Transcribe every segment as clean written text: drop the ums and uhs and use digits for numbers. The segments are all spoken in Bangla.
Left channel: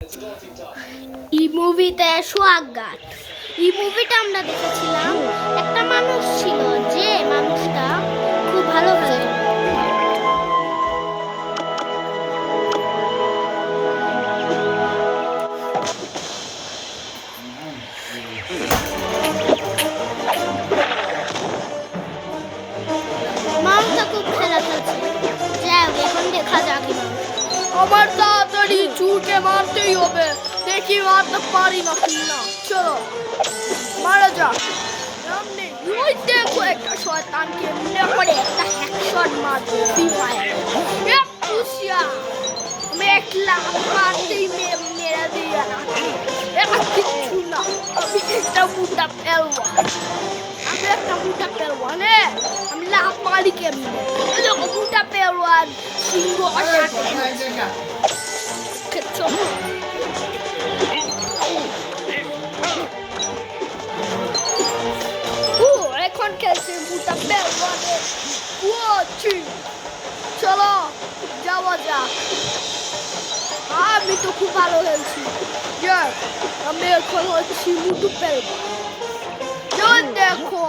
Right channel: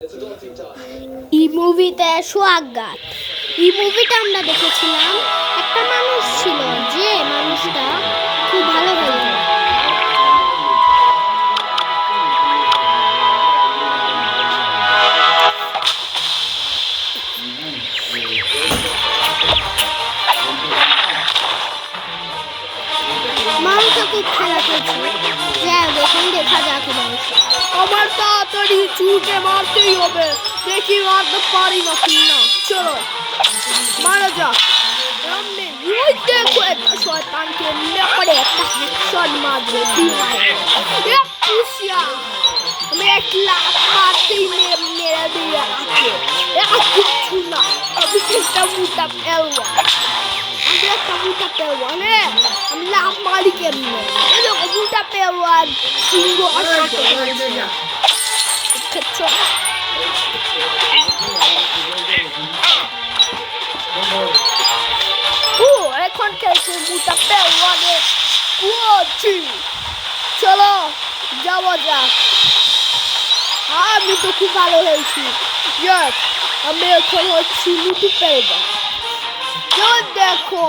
এই মুভিতে সোহাগগাত এই মুভিটা আমরা দেখেছিলাম। একটা মানুষ ছিল, যে মানুষটা খুব ভালো খেলতো। মানুষটা খুব খেলা খেলছে। যাই হোক, এখন দেখা যাক আমার তাড়াতাড়ি ছুটে মারতেই হবে, দেখি মারতে পারি না কিনা। চলো মারা যাক। ওই দেখো একটা শয়তানকে নিয়ে পড়ে একটা হ্যাকশট মারবে। আমি একলা মারতেই মেরে দিয়ে রাখে কিছু না। আমি একটা মোটা পেলওয়ান, আমি একটা মোটা পেলওয়ান। আমি লাভ মারি কেমনে? এরকম মোটা পেলওয়ান সিংহ এখন খেলছে মোটা পেলওয়ানে। চলো যাওয়া যাক। আমি তো খুব ভালো খেলছি। আমি এখন হচ্ছি মোটু পেলওয়ান। দেখো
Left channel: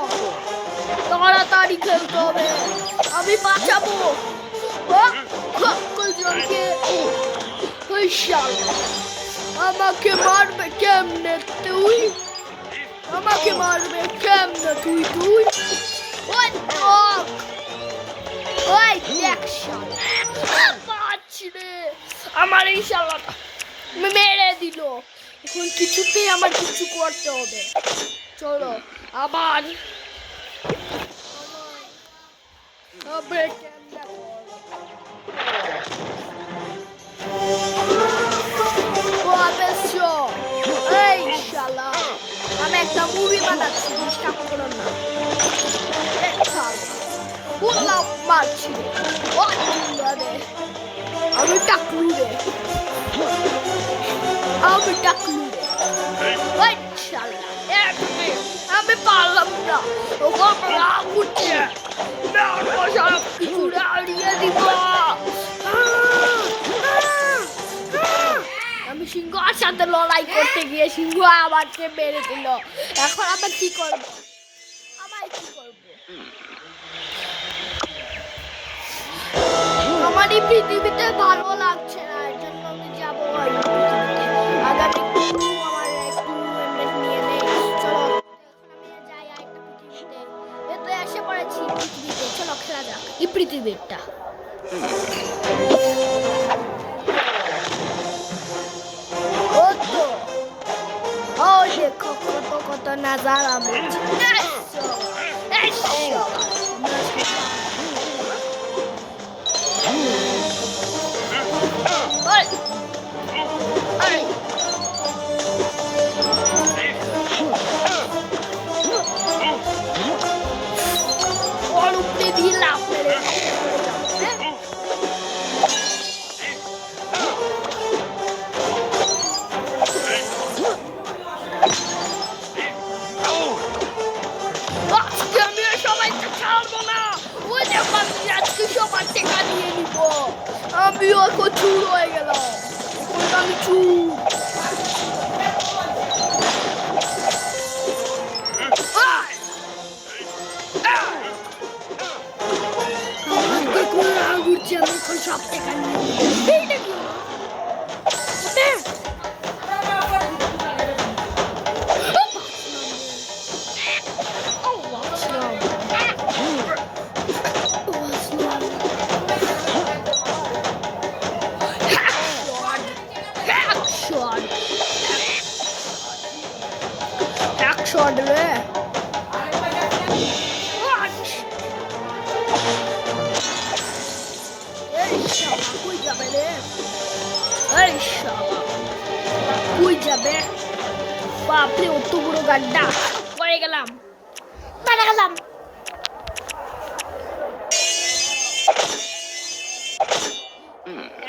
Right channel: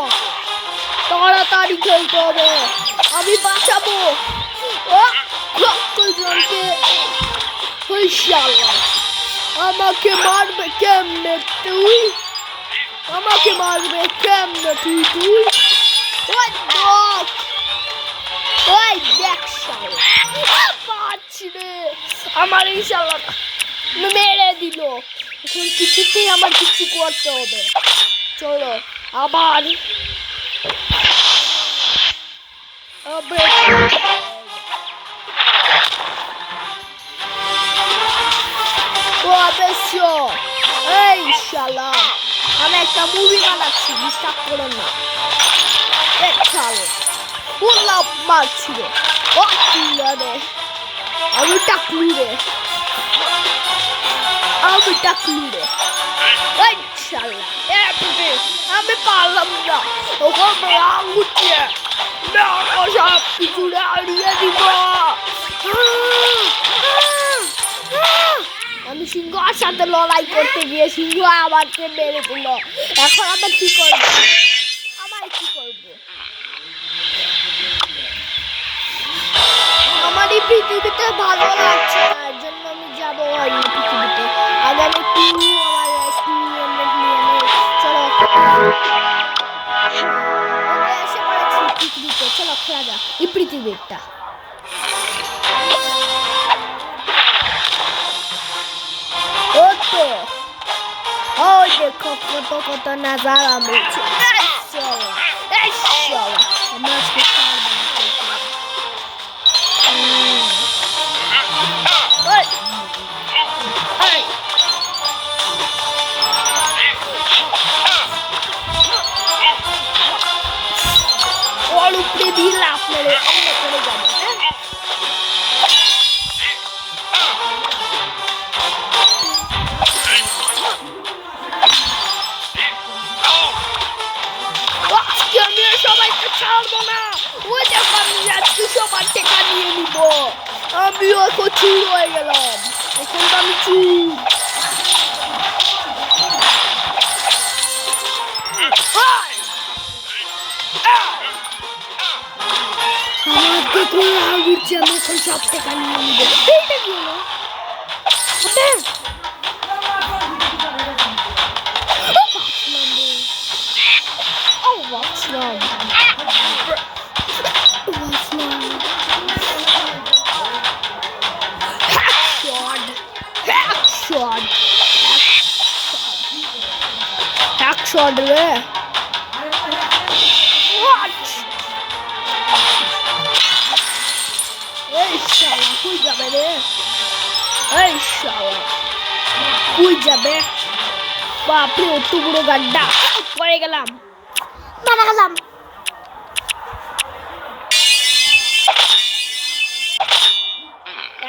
তাড়াতাড়ি খেলতে হবে, আমি বাঁচাবো। আমাকে মারবে কেমনে তুই? আমাকে মারবে কেমনে তুই? আমার এই শালাটা মেরে দিল। এখন কিছুতেই আমার কিছু করতে হবে। চলো আবার এই শালা, আমি একটা মুভি বানাচ্ছি, ডিস্টার্ব করো না। মারছিল আমি টাকলু রে, আমি টাকলু রে। আমি পারলাম না, সব কিছু হারিয়ে দিব। আমি সিংহর সাথে লড়াই করতে গিয়ে সিংহ আমাকে মেরে দিল। এখন আমি কি করবো? আমার এই পৃথিবীতে ভালো লাগছে, তার জন্য আমি যাবো এই পৃথিবীতে। আগে একটু আমার একটু নিয়ে চলো। এসে পড়েছি পৃথিবীতে, চলো খেলা যাক এই পৃথিবীটা। দেখো কত কত নাজারা মিলছে। ওর উপরে দিয়ে লাফ মেরে চলে যাবো। আমিও এখন চুর হয়ে গেলাম। এখন আমি চুর। আমার দেখুন লাল উঠছে, আমি এখন সব টাকা নিয়ে নিবো। এইটা কি হলো? Shot রে। এই শালা কই যাবে রে? এই শালা কই যাবে? বাপরে, অত বড় গাড্ডা পড়ে গেলাম, মারা গেলাম।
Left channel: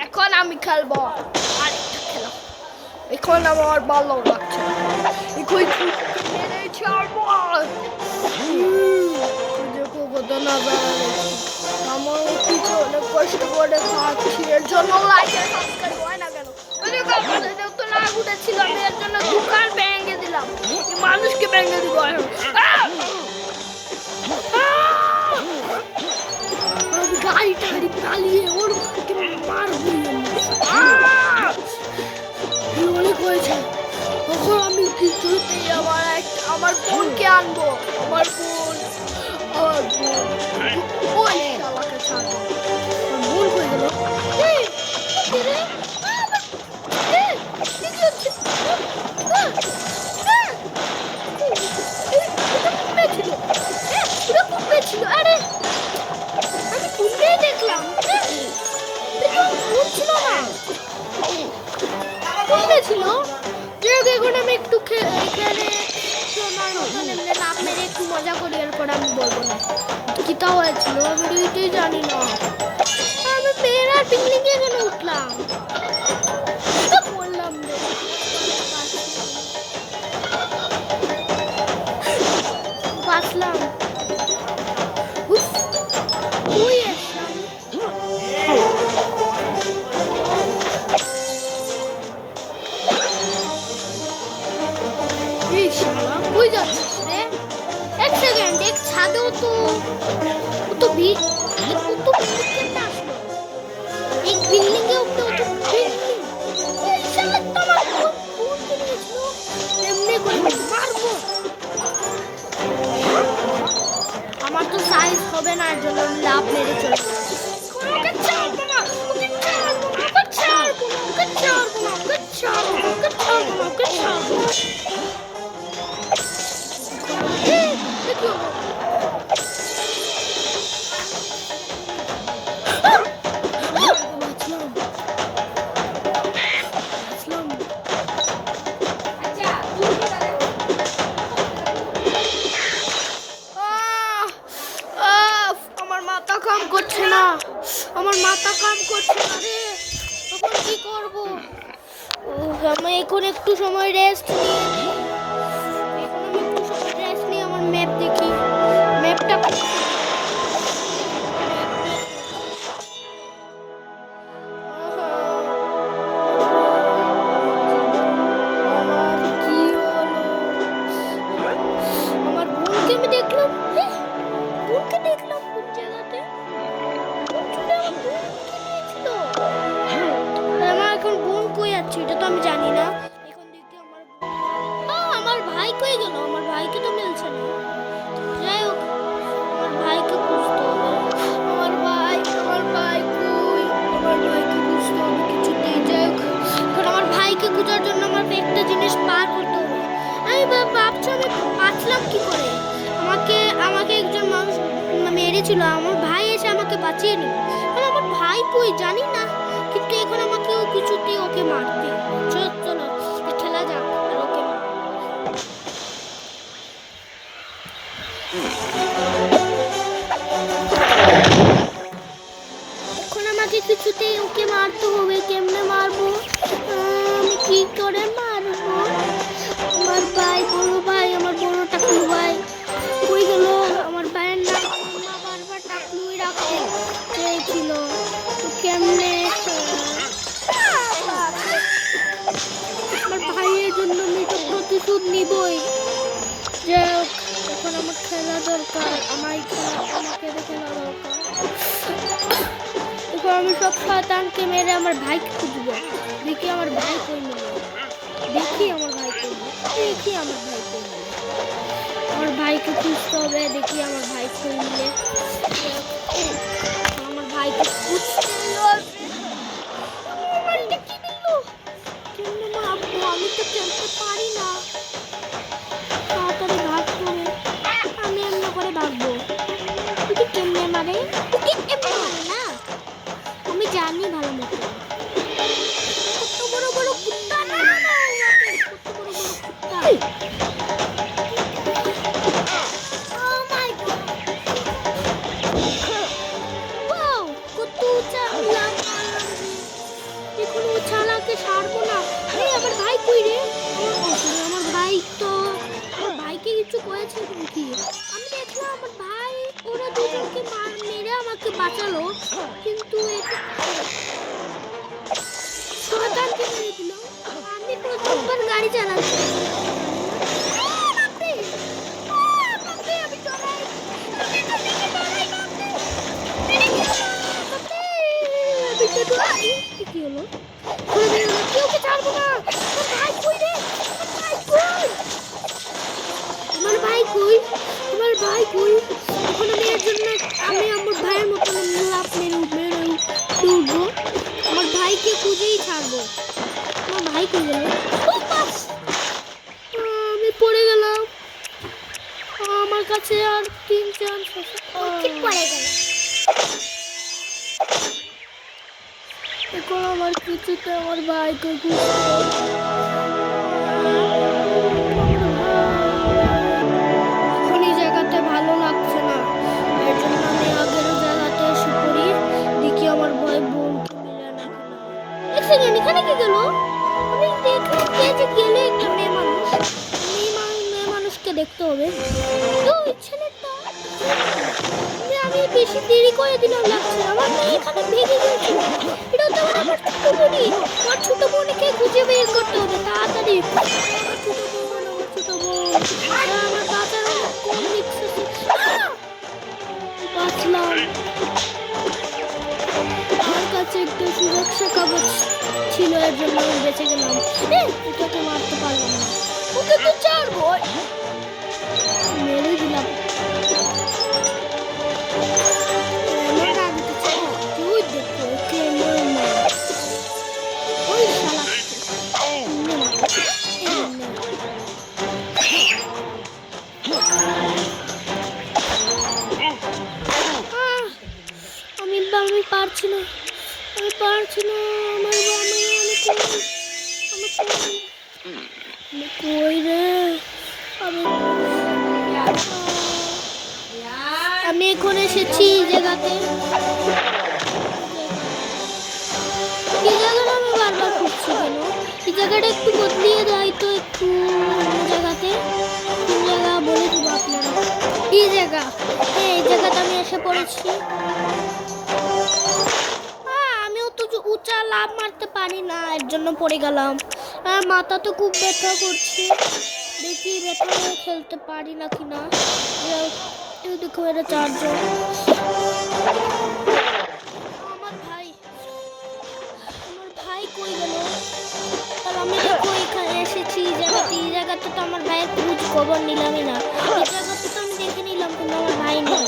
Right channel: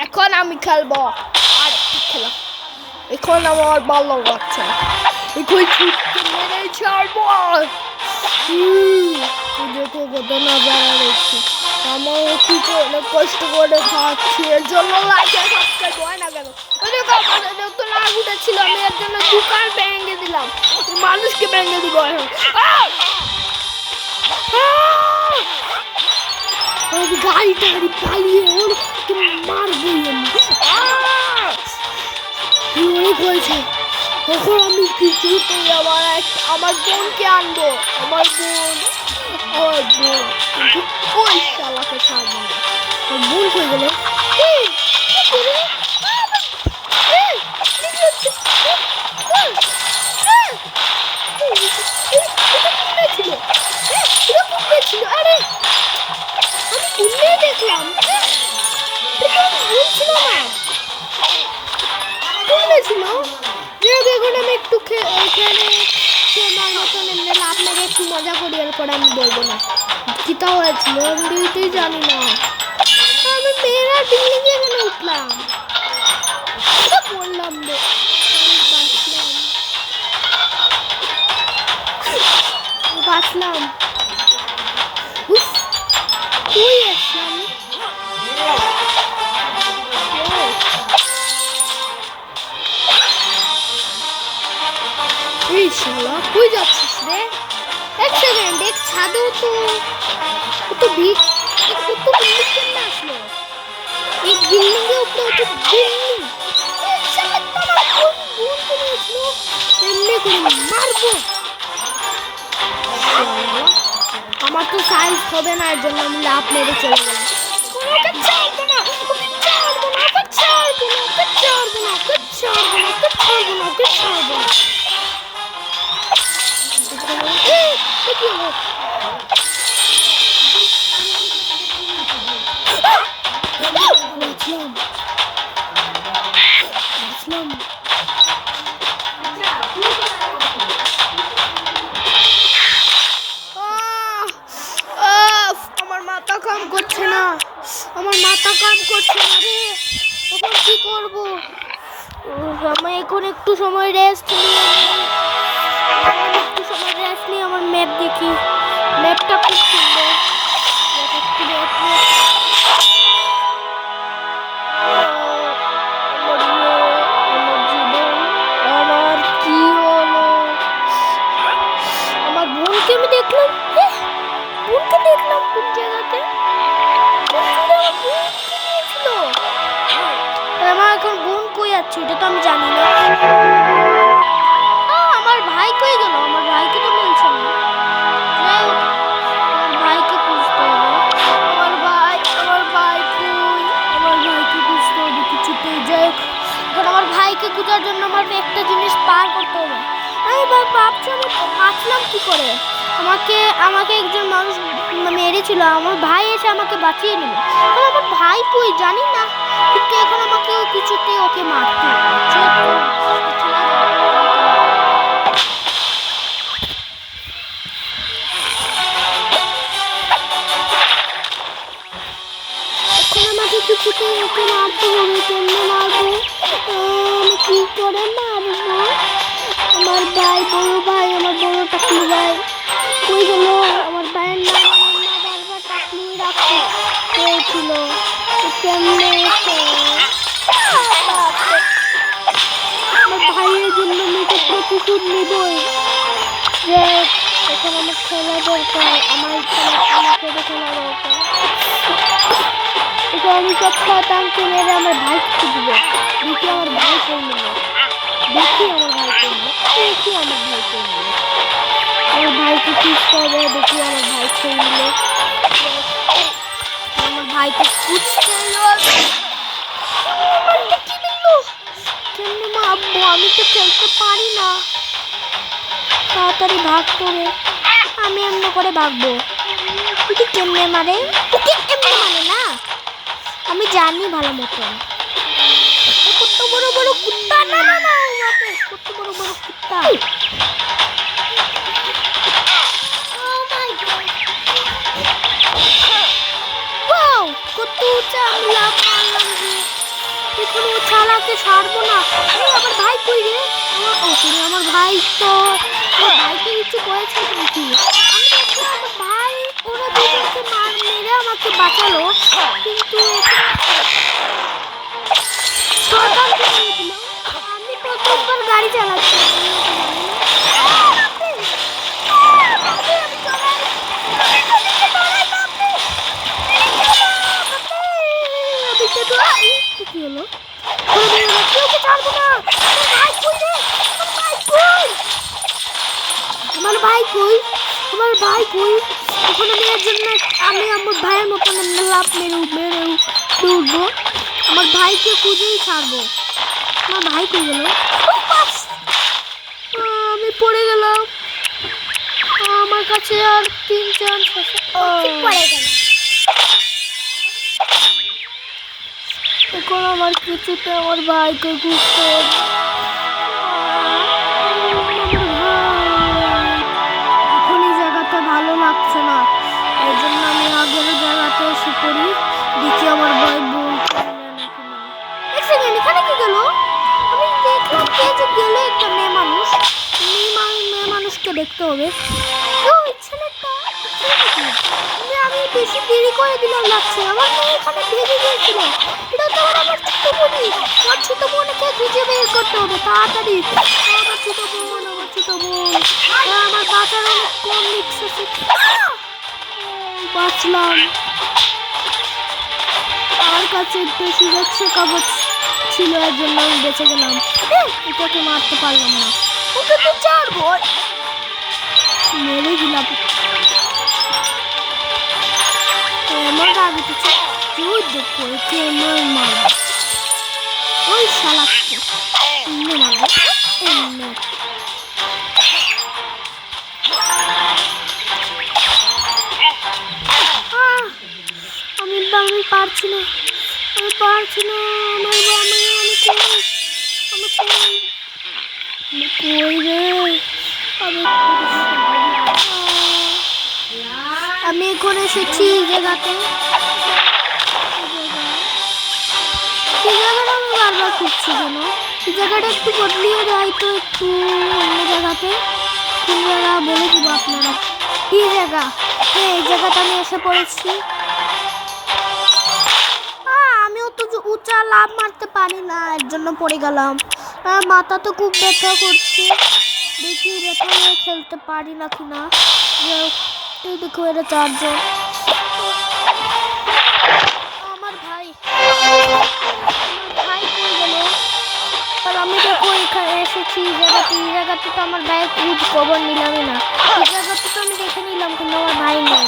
এখন আমি খেলবো আর খেলা। এখন আমার ভালো লাগছে। এখন ছাড়বো। দেখো কত নাজারা দেখছি। আমার অনেক কষ্ট করে খাচ্ছি, এর জন্য লাইক সাবস্ক্রাইব হয় না কেন? রাগ উঠেছিল, আমি এর জন্য দোকান ভেঙে দিলাম, মানুষকে ভেঙে দিব এখন। গাড়ি টাড়ি পালিয়ে ওর মারবো অনেক হয়েছে। তখন আমি কিছুতেই আমার বোনকে আনবো, আমার বোন ওই শালাকে ছাড়বো। আমার বোন হয়ে গেল আরে আমি খুললেই দেখলাম ছিল না, ছিল যে এখন আমি একটু এখানে সোনার মতন এমনি লাভ মেরে একটু মজা করি, এরপর আমি বলবো না কিতা হয়েছিল, আমি এটাই জানি না। আমি মেয়েরা বিল্ডিং এ কেন উঠলাম বললাম রে, বাঁচলাম তুই আসলাম। এই শালা কই যাচ্ছিস রে? এক সেকেন্ড, এক ছাদেও তো ভিড়, কত ভিড় কেন আসলো? এই বিল্ডিং এ উঠতে উঠতে বিল্ডিং শালা তো আমার বোন করে উঠলো, এমনি করে মারবো। আমার তো সাইজ হবে না, এর জন্য আমি লাভ মেরে চলে গেলাম। ওকে ছাড়বো না, ওকে ছাড়বো না, ওকে ছাড়বো না, ওকে ছাড়বো না, ওকে ছাড়বো না, ওকে ছাড়বো না, ওকে ছাড়বো না। আমার মাথা কাম করছে না, আমার মাথা কাম করছে না রে, তখন কি করবো? আমি এখন একটু সময় রেস্ট নিয়ে আমার ম্যাপ দেখি, ম্যাপটা খুব সুন্দর। আমার কি হলো? আমার বোনকে আমি দেখলাম, বোনকে দেখলাম কোন জায়গাতে, আমার এখন বোন কই যাচ্ছে এটা তো আমি জানি না। আমার ভাই কই গেল? আমার ভাইকে তো মিলছে না। যাই হোক, আমার ভাইকে খুঁজতে হবে। আমার ভাই কই? আমার ভাইকে খুঁজতে হবে কিছুতেই। যাই হোক, কারণ আমার ভাইকে খোঁজার জন্য আমার একটা জিনিস পার করতে হবে। আমি ভাবছি আমি বাঁচলাম কি করে? আমাকে একজন মানুষ মেরেছিল, আমার ভাই এসে আমাকে বাঁচিয়ে নিল। আমার ভাই কই জানি না, কিন্তু এখন আমাকে কিছুতেই ওকে মারতে খেলা যাক। এখন আমাকে কিছুতেই ওকে মারতে হবে। কেমনে মারবো? আমি কি করে মারবো? আমার ভাই, বড় ভাই, আমার বড় টাকলু ভাই কই গেল? আমার ভাইয়ের নাম বারবার টাকলুই রাখতে চেয়েছিল, কেমনে আমার ভাইয়ের জন্য আমি তো প্রতিশোধ নিবই। যে এখন আমার খেলা দরকার, আমাকে খেলা দরকার। এখন আমি সব শয়তানকে মেরে আমার ভাইকে খুঁজবো। দেখি আমার ভাই কই নিল, আমার ভাইকে খুঁজতে হবে। দেখি আমার ভাই কই নিল, আমার ভাইকে খুঁজতে কেমনে মারবো? আমি তো খেলতে পারি না, তাড়াতাড়ি ভাগতে হবে। আমি এমনি করে ভাগবো। তুই কেমনে মারে? এমনি মানে না, আমি জানি ভালো মতো। কত বড় বড় কুত্তা! না না না, কত বড় বড় কুত্তা! কত উঁচা লাভ মারলাম যে, এখন ও চালাকে ছাড়বো না। আমার ভাই কই রে? আমার ভাই তো, আমার ভাইকে কিছু করেছে নাকি? আমি দেখলাম আমার ভাই ওরা দুজনকে মেরে আমাকে বাঁচালো, কিন্তু শয়তানকে মেরে দিল। আমি চালাচ্ছে কি হলো? আমার ভাই কই? আমার ভাই কই? এখন আমি এর জন্য আমি আমার ভাইয়ের মতন লাভ মেরে উঠবো। আমার ভাইকে খুঁজেই ছাড়বো। আমার ভাই কই গেল? আমি পড়ে গেলাম। আমার কাছে আর 3 চান্স আছে। পড়ে গেল। এখন আমার কিছুতে আমার ভাইকে খুঁজতে এখন এই জায়গাতে ভালো লাগছে না, এর জন্য আমি আগের জায়গাতে এসে পড়ি, দেখি আমার ভাই বলতে এক সেকেন্ড এখানে কি গেল? আমি দেখলাম কে যে গেল, একটা মেয়ে মানুষকে দেখতে হবে। ওই ছেলেটা আমি বেশি দেরি করে দিলাম লাগছে, আমার মেয়ে এখানে ভেঙে গিয়েছিল। এটা তো আমার ছোট বোনকে খুঁজে বের করতে হবে তাড়াতাড়ি। আমার ছোট বোন আমার বাঁচার অনেক কম রিক্স আছে। বাঁচলাম, আমার কাছে একটু সুরক্ষা কবচ ছিল, এর জন্য আমি বেঁচে গেলাম। এটাকে মারতে পারলাম না, ওকে তো ছাড়বো, মেরে দিলাম। আমার আগে তো তুই দেখো একে আমার মা ওই শালাকে মারবো। আমি পারছি না, আমার কই রে? আমি এখন এসেছি এই জায়গাতে। এই জায়গাটা আমি বারবার খুঁজছি কেন? এই জায়গাটা একটু বদলিয়ে দেয় তো, একটু অন্য জায়গাতে। এই জায়গা বলে দিব আপনারা, এই জায়গাটা আমি এসে পড়েছি। আমিও তো উঁচা লাভ মারতে পারি না, এর জন্য পড়ে গেলাম। মাথা তো খুব ব্যথা করছে, দেখি ব্যথা নিয়ে খেলতে পারি না কিনা। দেখো এটা 4 জন। আমার ভাই কই গেল? আর আমি দেখো এখানে এসেছি এই জায়গাতে তো আমার ভাইয়ের খোঁজ খবর নিলামই না। এই জায়গাতে তো আমি দেখে নিলাম কিন্তু আমার ভাই নেই।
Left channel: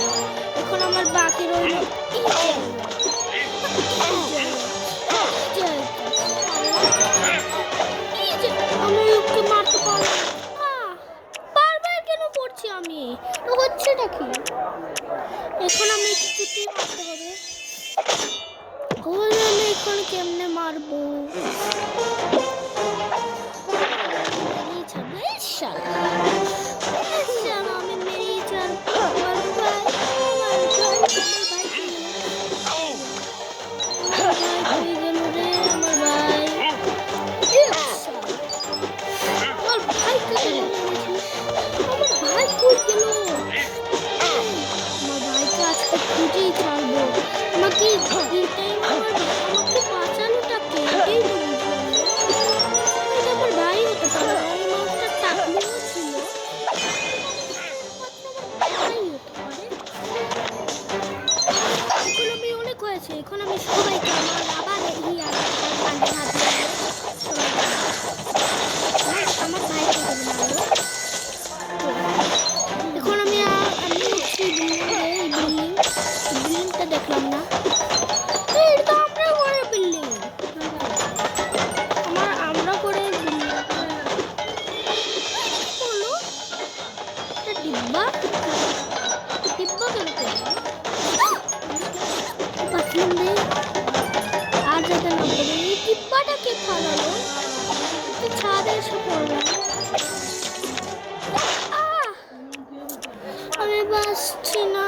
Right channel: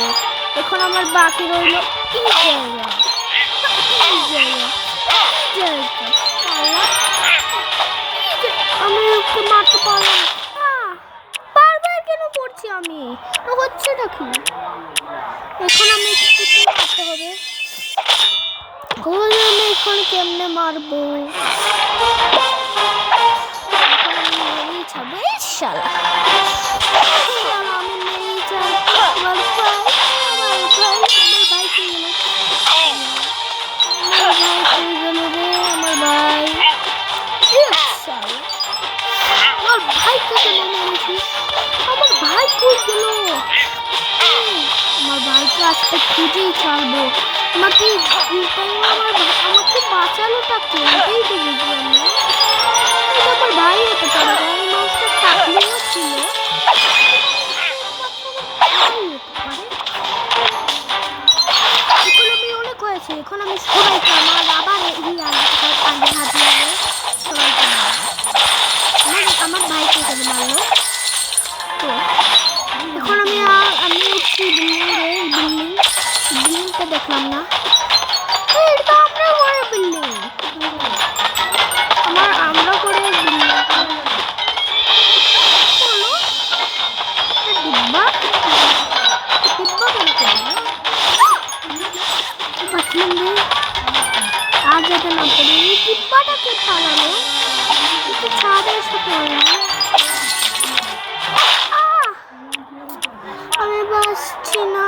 এখন আমার বাকি রইল আমি ওকে মারতে পারলাম না। বারবার কেন পড়ছি আমি? তো হচ্ছেটা কি? এখন আমি কিছু মারতে হবে। আমি এখন কেমনে মারবো? আমি নেই যাবো। আমার ভাই আজকে খুঁজেই ছাড়বো। আমাকে বাঁচানোটা কে? এটাই তো বুঝলাম না। এটা আমার ভাই হতে পারে, কারণ মানুষটা টাকলিও ছিল। এখন আমি অনেক হয়েছে, এখন আমি সবাইকে আমার আবার কাঁধে হাত দিয়ে সবাইকে আমার ভাইকে এখানে মারলো। তো এখন আমি উঠছি বিল্ডিংটা দেখলাম না। এটা আমরা করে বিল্ডিং, আমরা করে বিল্ডিং বলো ডিব্বা কেন করবো? বাথরুম নেই আর যাতে না পড়ে। এই ডিব্বাটাকে ছাড়ালো, ছাদের সাথে আমি বাসছি না।